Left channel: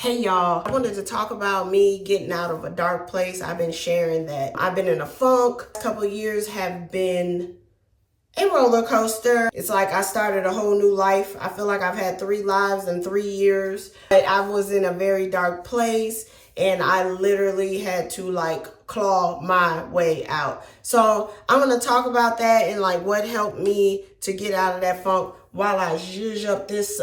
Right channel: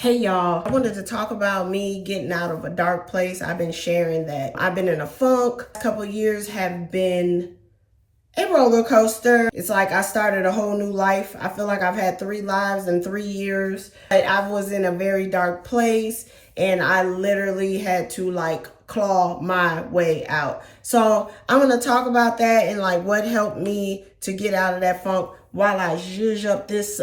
Hey y'all, I wanted to talk about me getting out of a dark place. I've been sharing that I've been in a funk. A couple of years have been a roller coaster. It's like I started a whole new life. I feel like I've had 3 lives in 3 years. But I was in a very dark place and I literally had to claw my way out. So I'm gonna talk about that and what helped me to get out of that funk while I zhuzh up this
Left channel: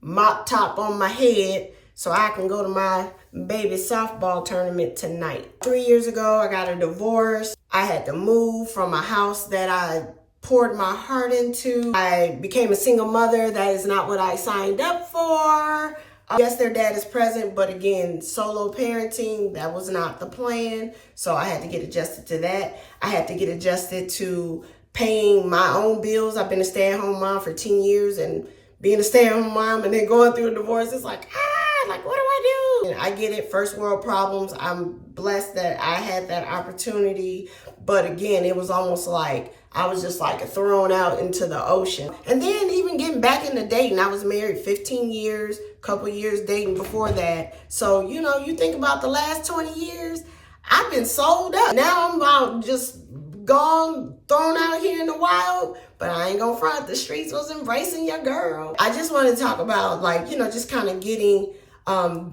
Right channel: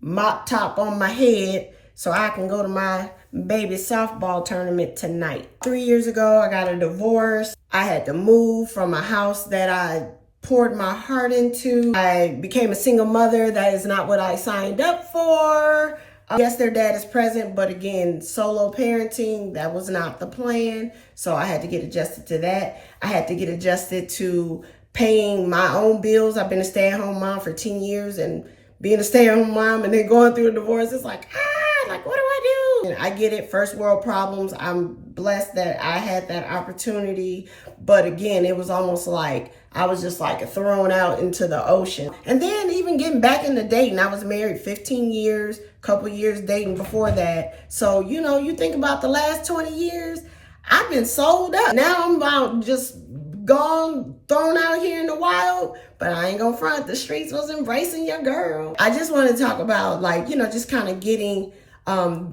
mop top on my head so I can go to my baby softball tournament tonight. 3 years ago, I got a divorce. I had to move from a house that I poured my heart into. I became a single mother. That is not what I signed up for. Yes, their dad is present, but again, solo parenting, that was not the plan. So I had to get adjusted to that. I had to get adjusted to paying my own bills. I've been a stay-at-home mom for 10 years, and being a stay-at-home mom and then going through a divorce, it's what do I do? And I get it, first world problems. I'm blessed that I had that opportunity. But again, it was almost like I was just thrown out into the ocean. And then even getting back into dating, I was married 15 years, couple years dating before that. So, you think about the last 20 years, I've been sold up. Now I'm about just gone, thrown out here in the wild. But I ain't gonna front, the streets was embracing your girl. I just want to talk about just kind of getting,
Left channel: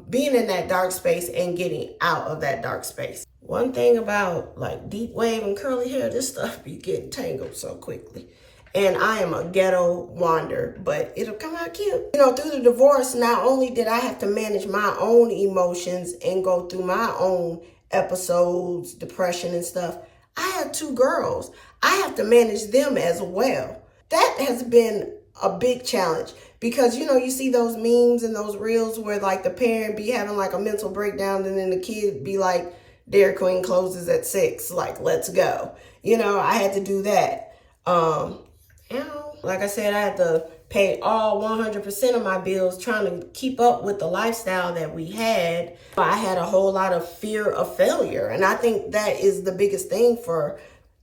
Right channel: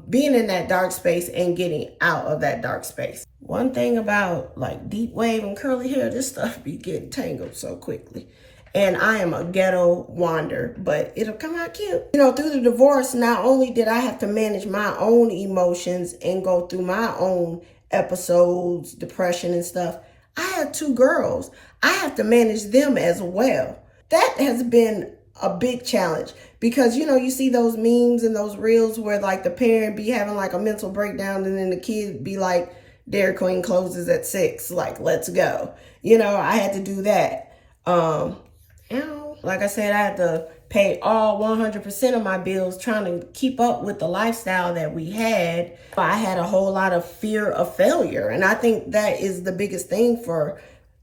being in that dark space and getting out of that dark space. One thing about deep wave and curly hair, this stuff be getting tangled so quickly. And I am a ghetto wander, but it'll come out cute. Through the divorce, not only did I have to manage my own emotions and go through my own episodes, depression and stuff, I had 2 girls. I have to manage them as well. That has been a big challenge because, you see those memes and those reels where the parent be having a mental breakdown and then the kid be like, Dairy Queen closes at 6, let's go. I had to do that. Like I said, I had to pay all 100% of my bills trying to keep up with the lifestyle that we had. I had a whole lot of fear of failure. And I think that is the biggest thing for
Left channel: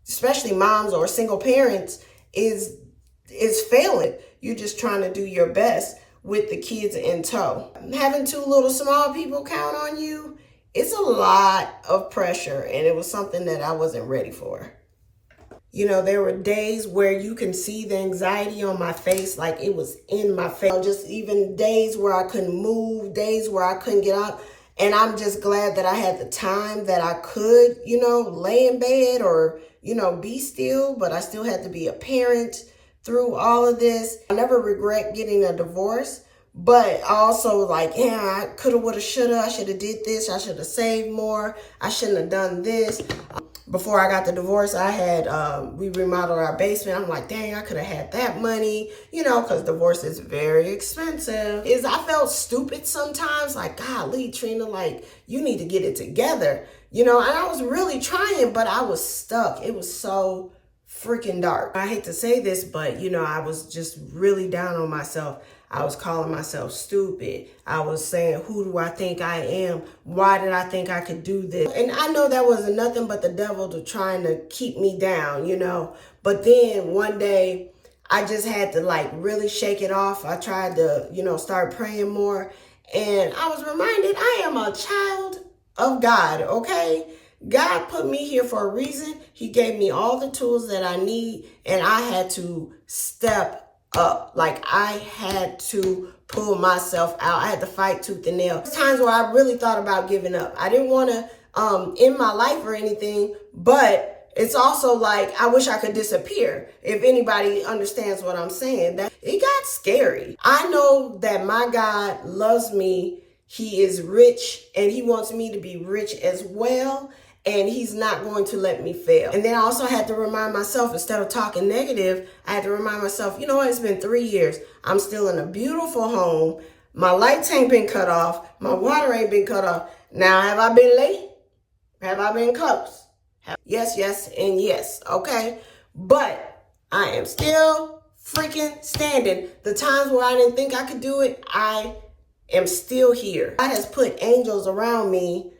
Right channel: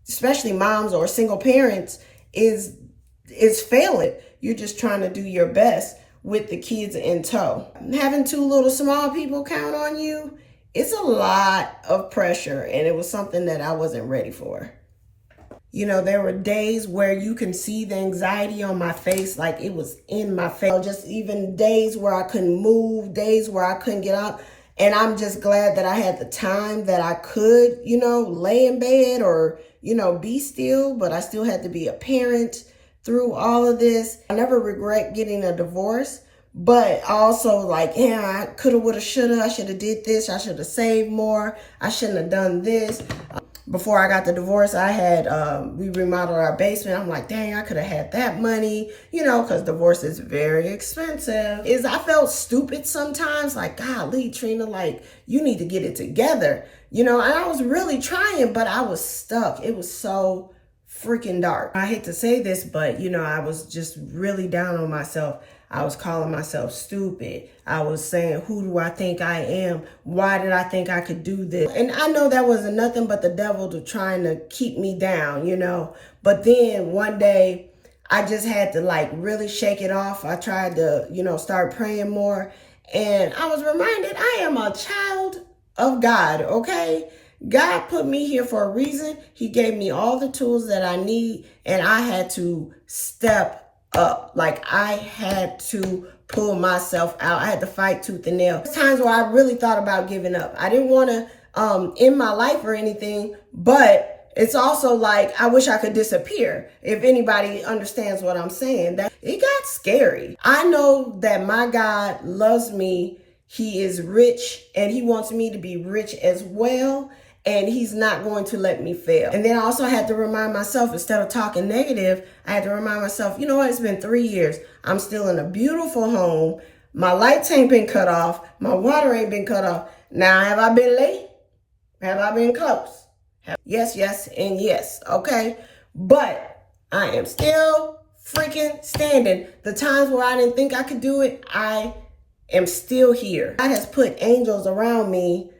especially moms or single parents is failing. You're just trying to do your best with the kids in tow. Having 2 little small people count on you, it's a lot of pressure, and it was something that I wasn't ready for. There were days where you can see the anxiety on my face, it was in my face. Just even days where I couldn't move, days where I couldn't get up. And I'm just glad that I had the time that I could, lay in bed or, be still, but I still had to be a parent through all of this. I never regret getting a divorce, but also I coulda, woulda, shoulda, I should have did this. I should have saved more. I shouldn't have done this. Before I got the divorce, I had, we remodeled our basement. I'm like, dang, I could have had that money, because divorce is very expensive. I felt stupid sometimes, golly, Trina, you need to get it together, and I was really trying, but I was stuck. It was so freaking dark. I hate to say this, but, I was just really down on myself. I was calling myself stupid. I was saying, who do I think I am? Why did I think I could do this? And I know that wasn't nothing but the devil trying to keep me down, But then one day I just had to really shake it off. I tried to, start praying more. And I was reminded I am a child of God, okay? God put me here for a reason. He gave me all the tools that I need, and I had to step up. I had to pull myself out. I had to fight tooth and nail. There's times where I really thought about giving up. I didn't want to end my life or anything, but it's also I wish I could disappear. If anybody understands what I'm saying, that it got scary. I know that my God loves me. He is rich and he wants me to be rich as well. And he's not going to let me fail. And then I also had to remind myself, instead of talking negative, I had to remind myself, you know what, it's been 3 years. I'm still in a beautiful home. My lights ain't been cut off. My water ain't been cut off. Now, have I been late? Have I been close? Yes, yes, and yes, okay? But I am still freaking standing. The times where I didn't think I could do it, I am still here. God has put angels around me.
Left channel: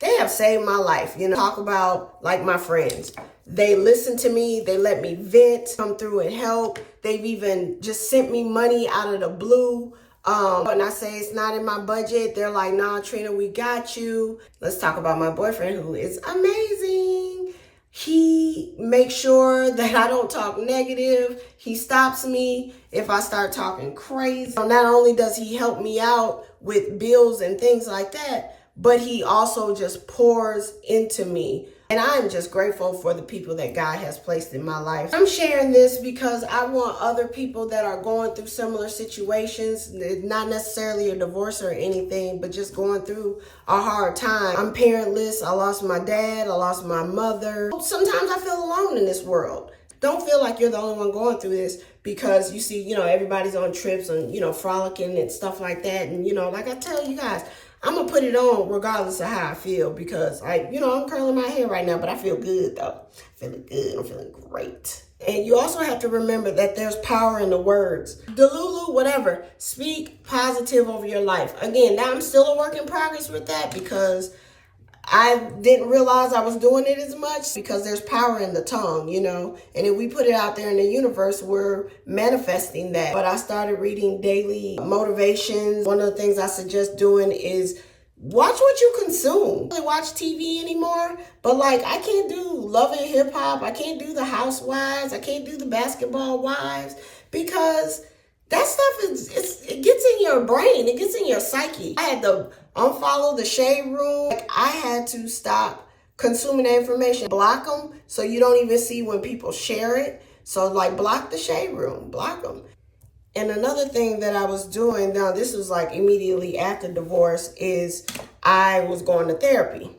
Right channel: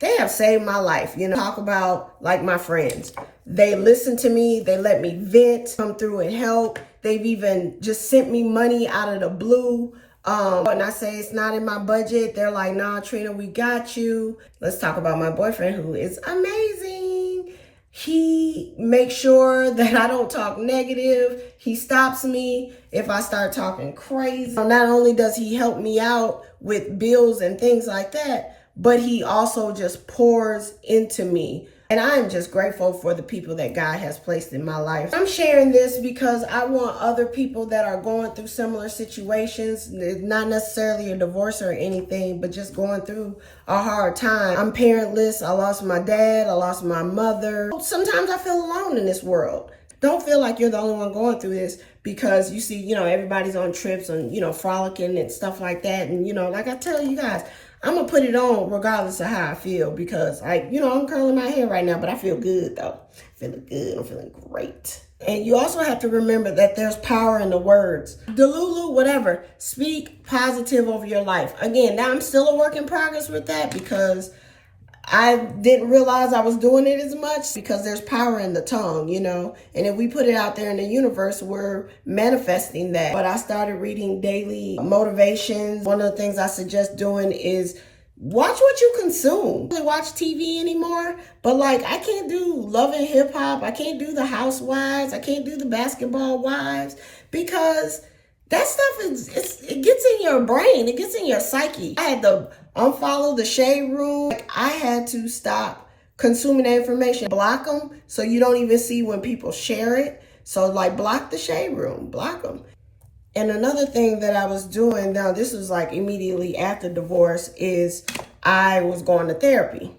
They have saved my life, Talk about my friends. They listen to me. They let me vent, come through and help. They've even just sent me money out of the blue. When I say it's not in my budget, they're like, nah, Trina, we got you. Let's talk about my boyfriend, who is amazing. He makes sure that I don't talk negative. He stops me if I start talking crazy. Not only does he help me out with bills and things like that, but he also just pours into me. And I am just grateful for the people that God has placed in my life. I'm sharing this because I want other people that are going through similar situations, not necessarily a divorce or anything, but just going through a hard time. I'm parentless. I lost my dad. I lost my mother. Sometimes I feel alone in this world. Don't feel like you're the only one going through this, because you see, everybody's on trips and, frolicking and stuff like that. And, like I tell you guys, I'm going to put it on regardless of how I feel, because I'm curling my hair right now, but I feel good though. Feeling good. I'm feeling great. And you also have to remember that there's power in the words. Delulu, whatever. Speak positive over your life. Again, now I'm still a work in progress with that, because I didn't realize I was doing it as much, because there's power in the tongue, and if we put it out there in the universe, we're manifesting that. But I started reading daily motivations. One of the things I suggest doing is watch what you consume. I don't watch TV anymore, but I can't do Love and Hip Hop. I can't do the Housewives. I can't do the Basketball Wives, because that stuff it gets in your brain. It gets in your psyche. I had to unfollow the Shade Room. I had to stop consuming that information. Block them so you don't even see when people share it. So block the Shade Room, block them. And another thing that I was doing, now this was immediately after divorce, is I was going to therapy.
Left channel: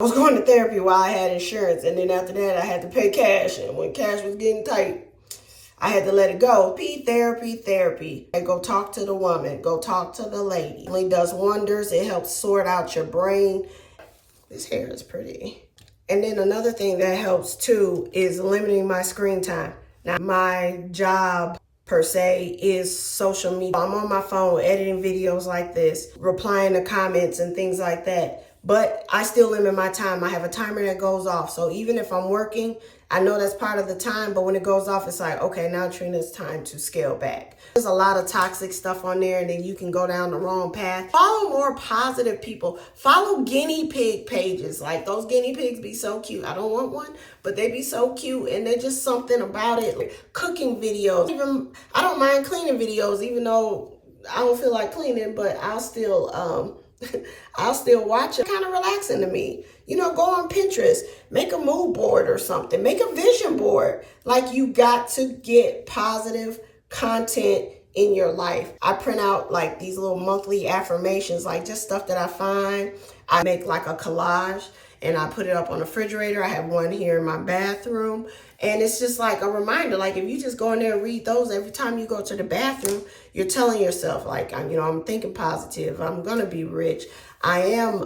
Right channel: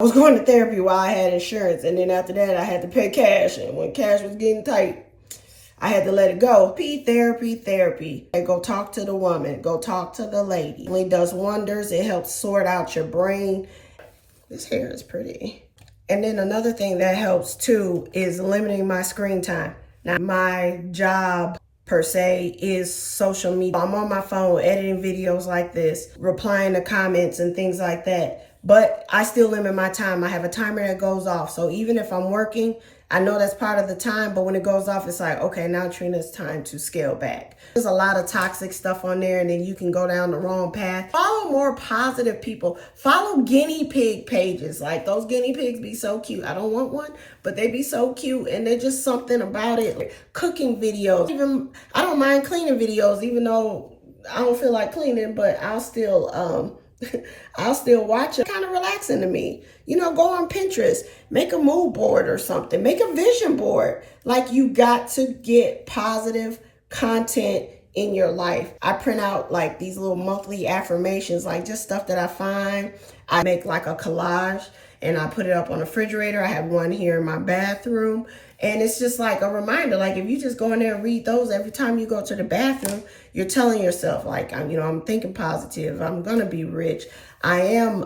I was going to therapy while I had insurance. And then after that, I had to pay cash. And when cash was getting tight, I had to let it go. Therapy. And go talk to the woman. Go talk to the lady. It really does wonders. It helps sort out your brain. This hair is pretty. And then another thing that helps too is limiting my screen time. Now, my job per se is social media. I'm on my phone editing videos like this, replying to comments and things like that. But I still limit my time. I have a timer that goes off. So even if I'm working, I know that's part of the time, but when it goes off, it's like, okay, now Trina, it's time to scale back. There's a lot of toxic stuff on there, and then you can go down the wrong path. Follow more positive people. Follow guinea pig pages. Those guinea pigs be so cute. I don't want one, but they be so cute, and they're just something about it. Cooking videos. Even I don't mind cleaning videos, even though I don't feel like cleaning, but I'll still I'll still watch it. Kind of relaxing to me. Go on Pinterest, make a mood board or something, make a vision board. You got to get positive content in your life. I print out these little monthly affirmations, just stuff that I find. I make a collage and I put it up on the refrigerator. I have one here in my bathroom. And it's just a reminder, if you just go in there and read those every time you go to the bathroom, you're telling yourself, I'm thinking positive. I'm going to be rich. I am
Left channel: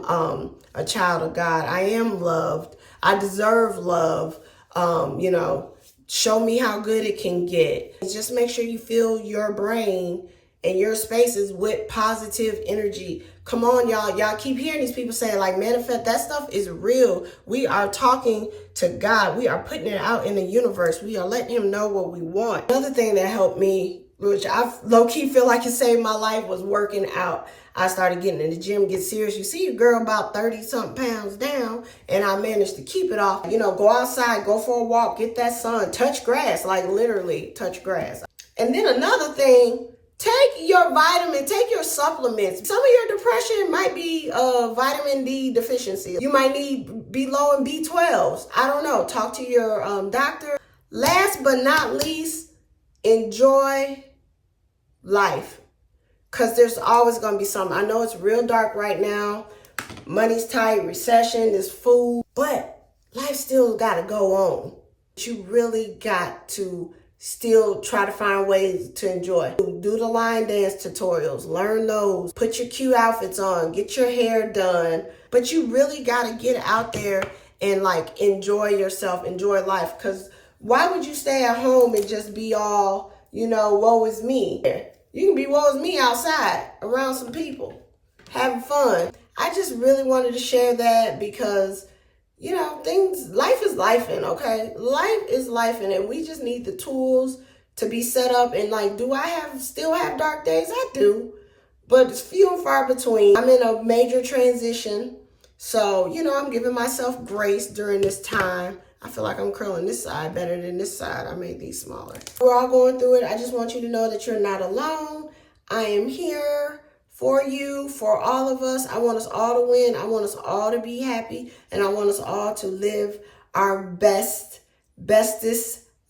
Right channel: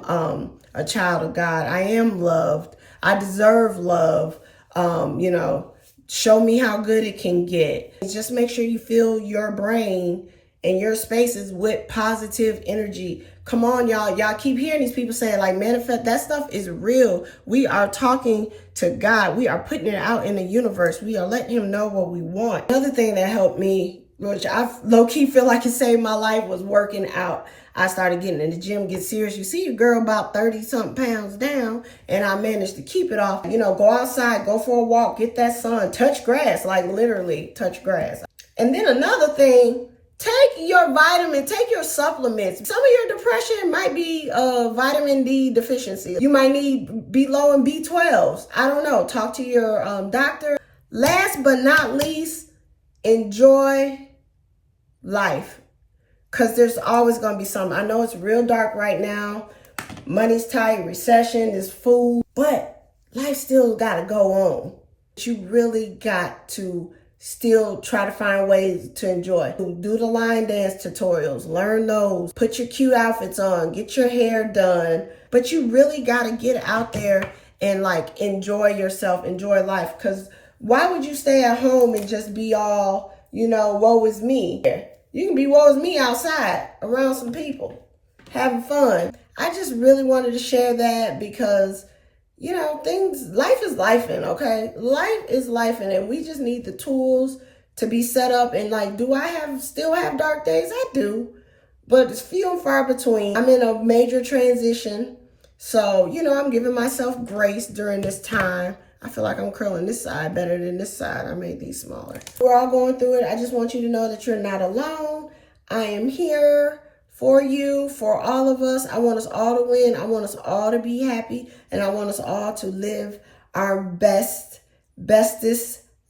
a child of God. I am loved. I deserve love. Show me how good it can get. Just make sure you fill your brain and your spaces with positive energy. Come on, y'all. Y'all keep hearing these people saying manifest. That stuff is real. We are talking to God. We are putting it out in the universe. We are letting him know what we want. Another thing that helped me, which I low-key feel like it saved my life, was working out. I started getting in the gym, get serious. You see a girl about 30-something pounds down, and I managed to keep it off. Go outside, go for a walk, get that sun, touch grass, literally touch grass. And then another thing, take your vitamin, take your supplements. Some of your depression might be vitamin D deficiency. You might need be low in B12s. I don't know. Talk to your doctor. Last but not least, enjoy life. Because there's always going to be something. I know it's real dark right now. Money's tight, recession, there's food. But life still got to go on. You really got to still try to find ways to enjoy. Do the line dance tutorials. Learn those. Put your cute outfits on. Get your hair done. But you really got to get out there and enjoy yourself. Enjoy life. Because why would you stay at home and just be all, woe is me? You can be woe is me outside around some people, having fun. I just really wanted to share that because, life is lifing, okay? Life is lifing, and we just need the tools to be set up. And do I still have dark days? I do. but it's few and far between. I'm in a major transition. So, you know, I'm giving myself grace during this time. I feel like I'm curling this side better than this side. I made these smaller. We're all going through it. I just want you to know that you're not alone. I am here for you, for all of us. I want us all to win. I want us all to be happy. And I want us all to live our bestest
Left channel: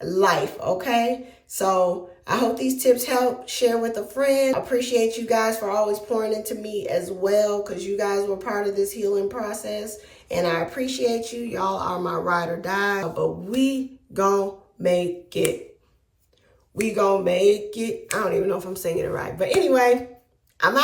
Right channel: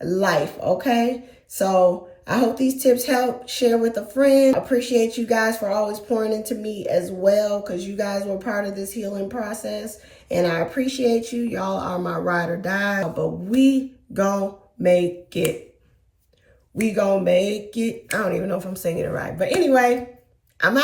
life, okay? So I hope these tips help. Share with a friend. I appreciate you guys for always pouring into me as well, because you guys were part of this healing process. And I appreciate you. Y'all are my ride or die. But we gon' make it. We gon' make it. I don't even know if I'm singing it right. But anyway, I'm out.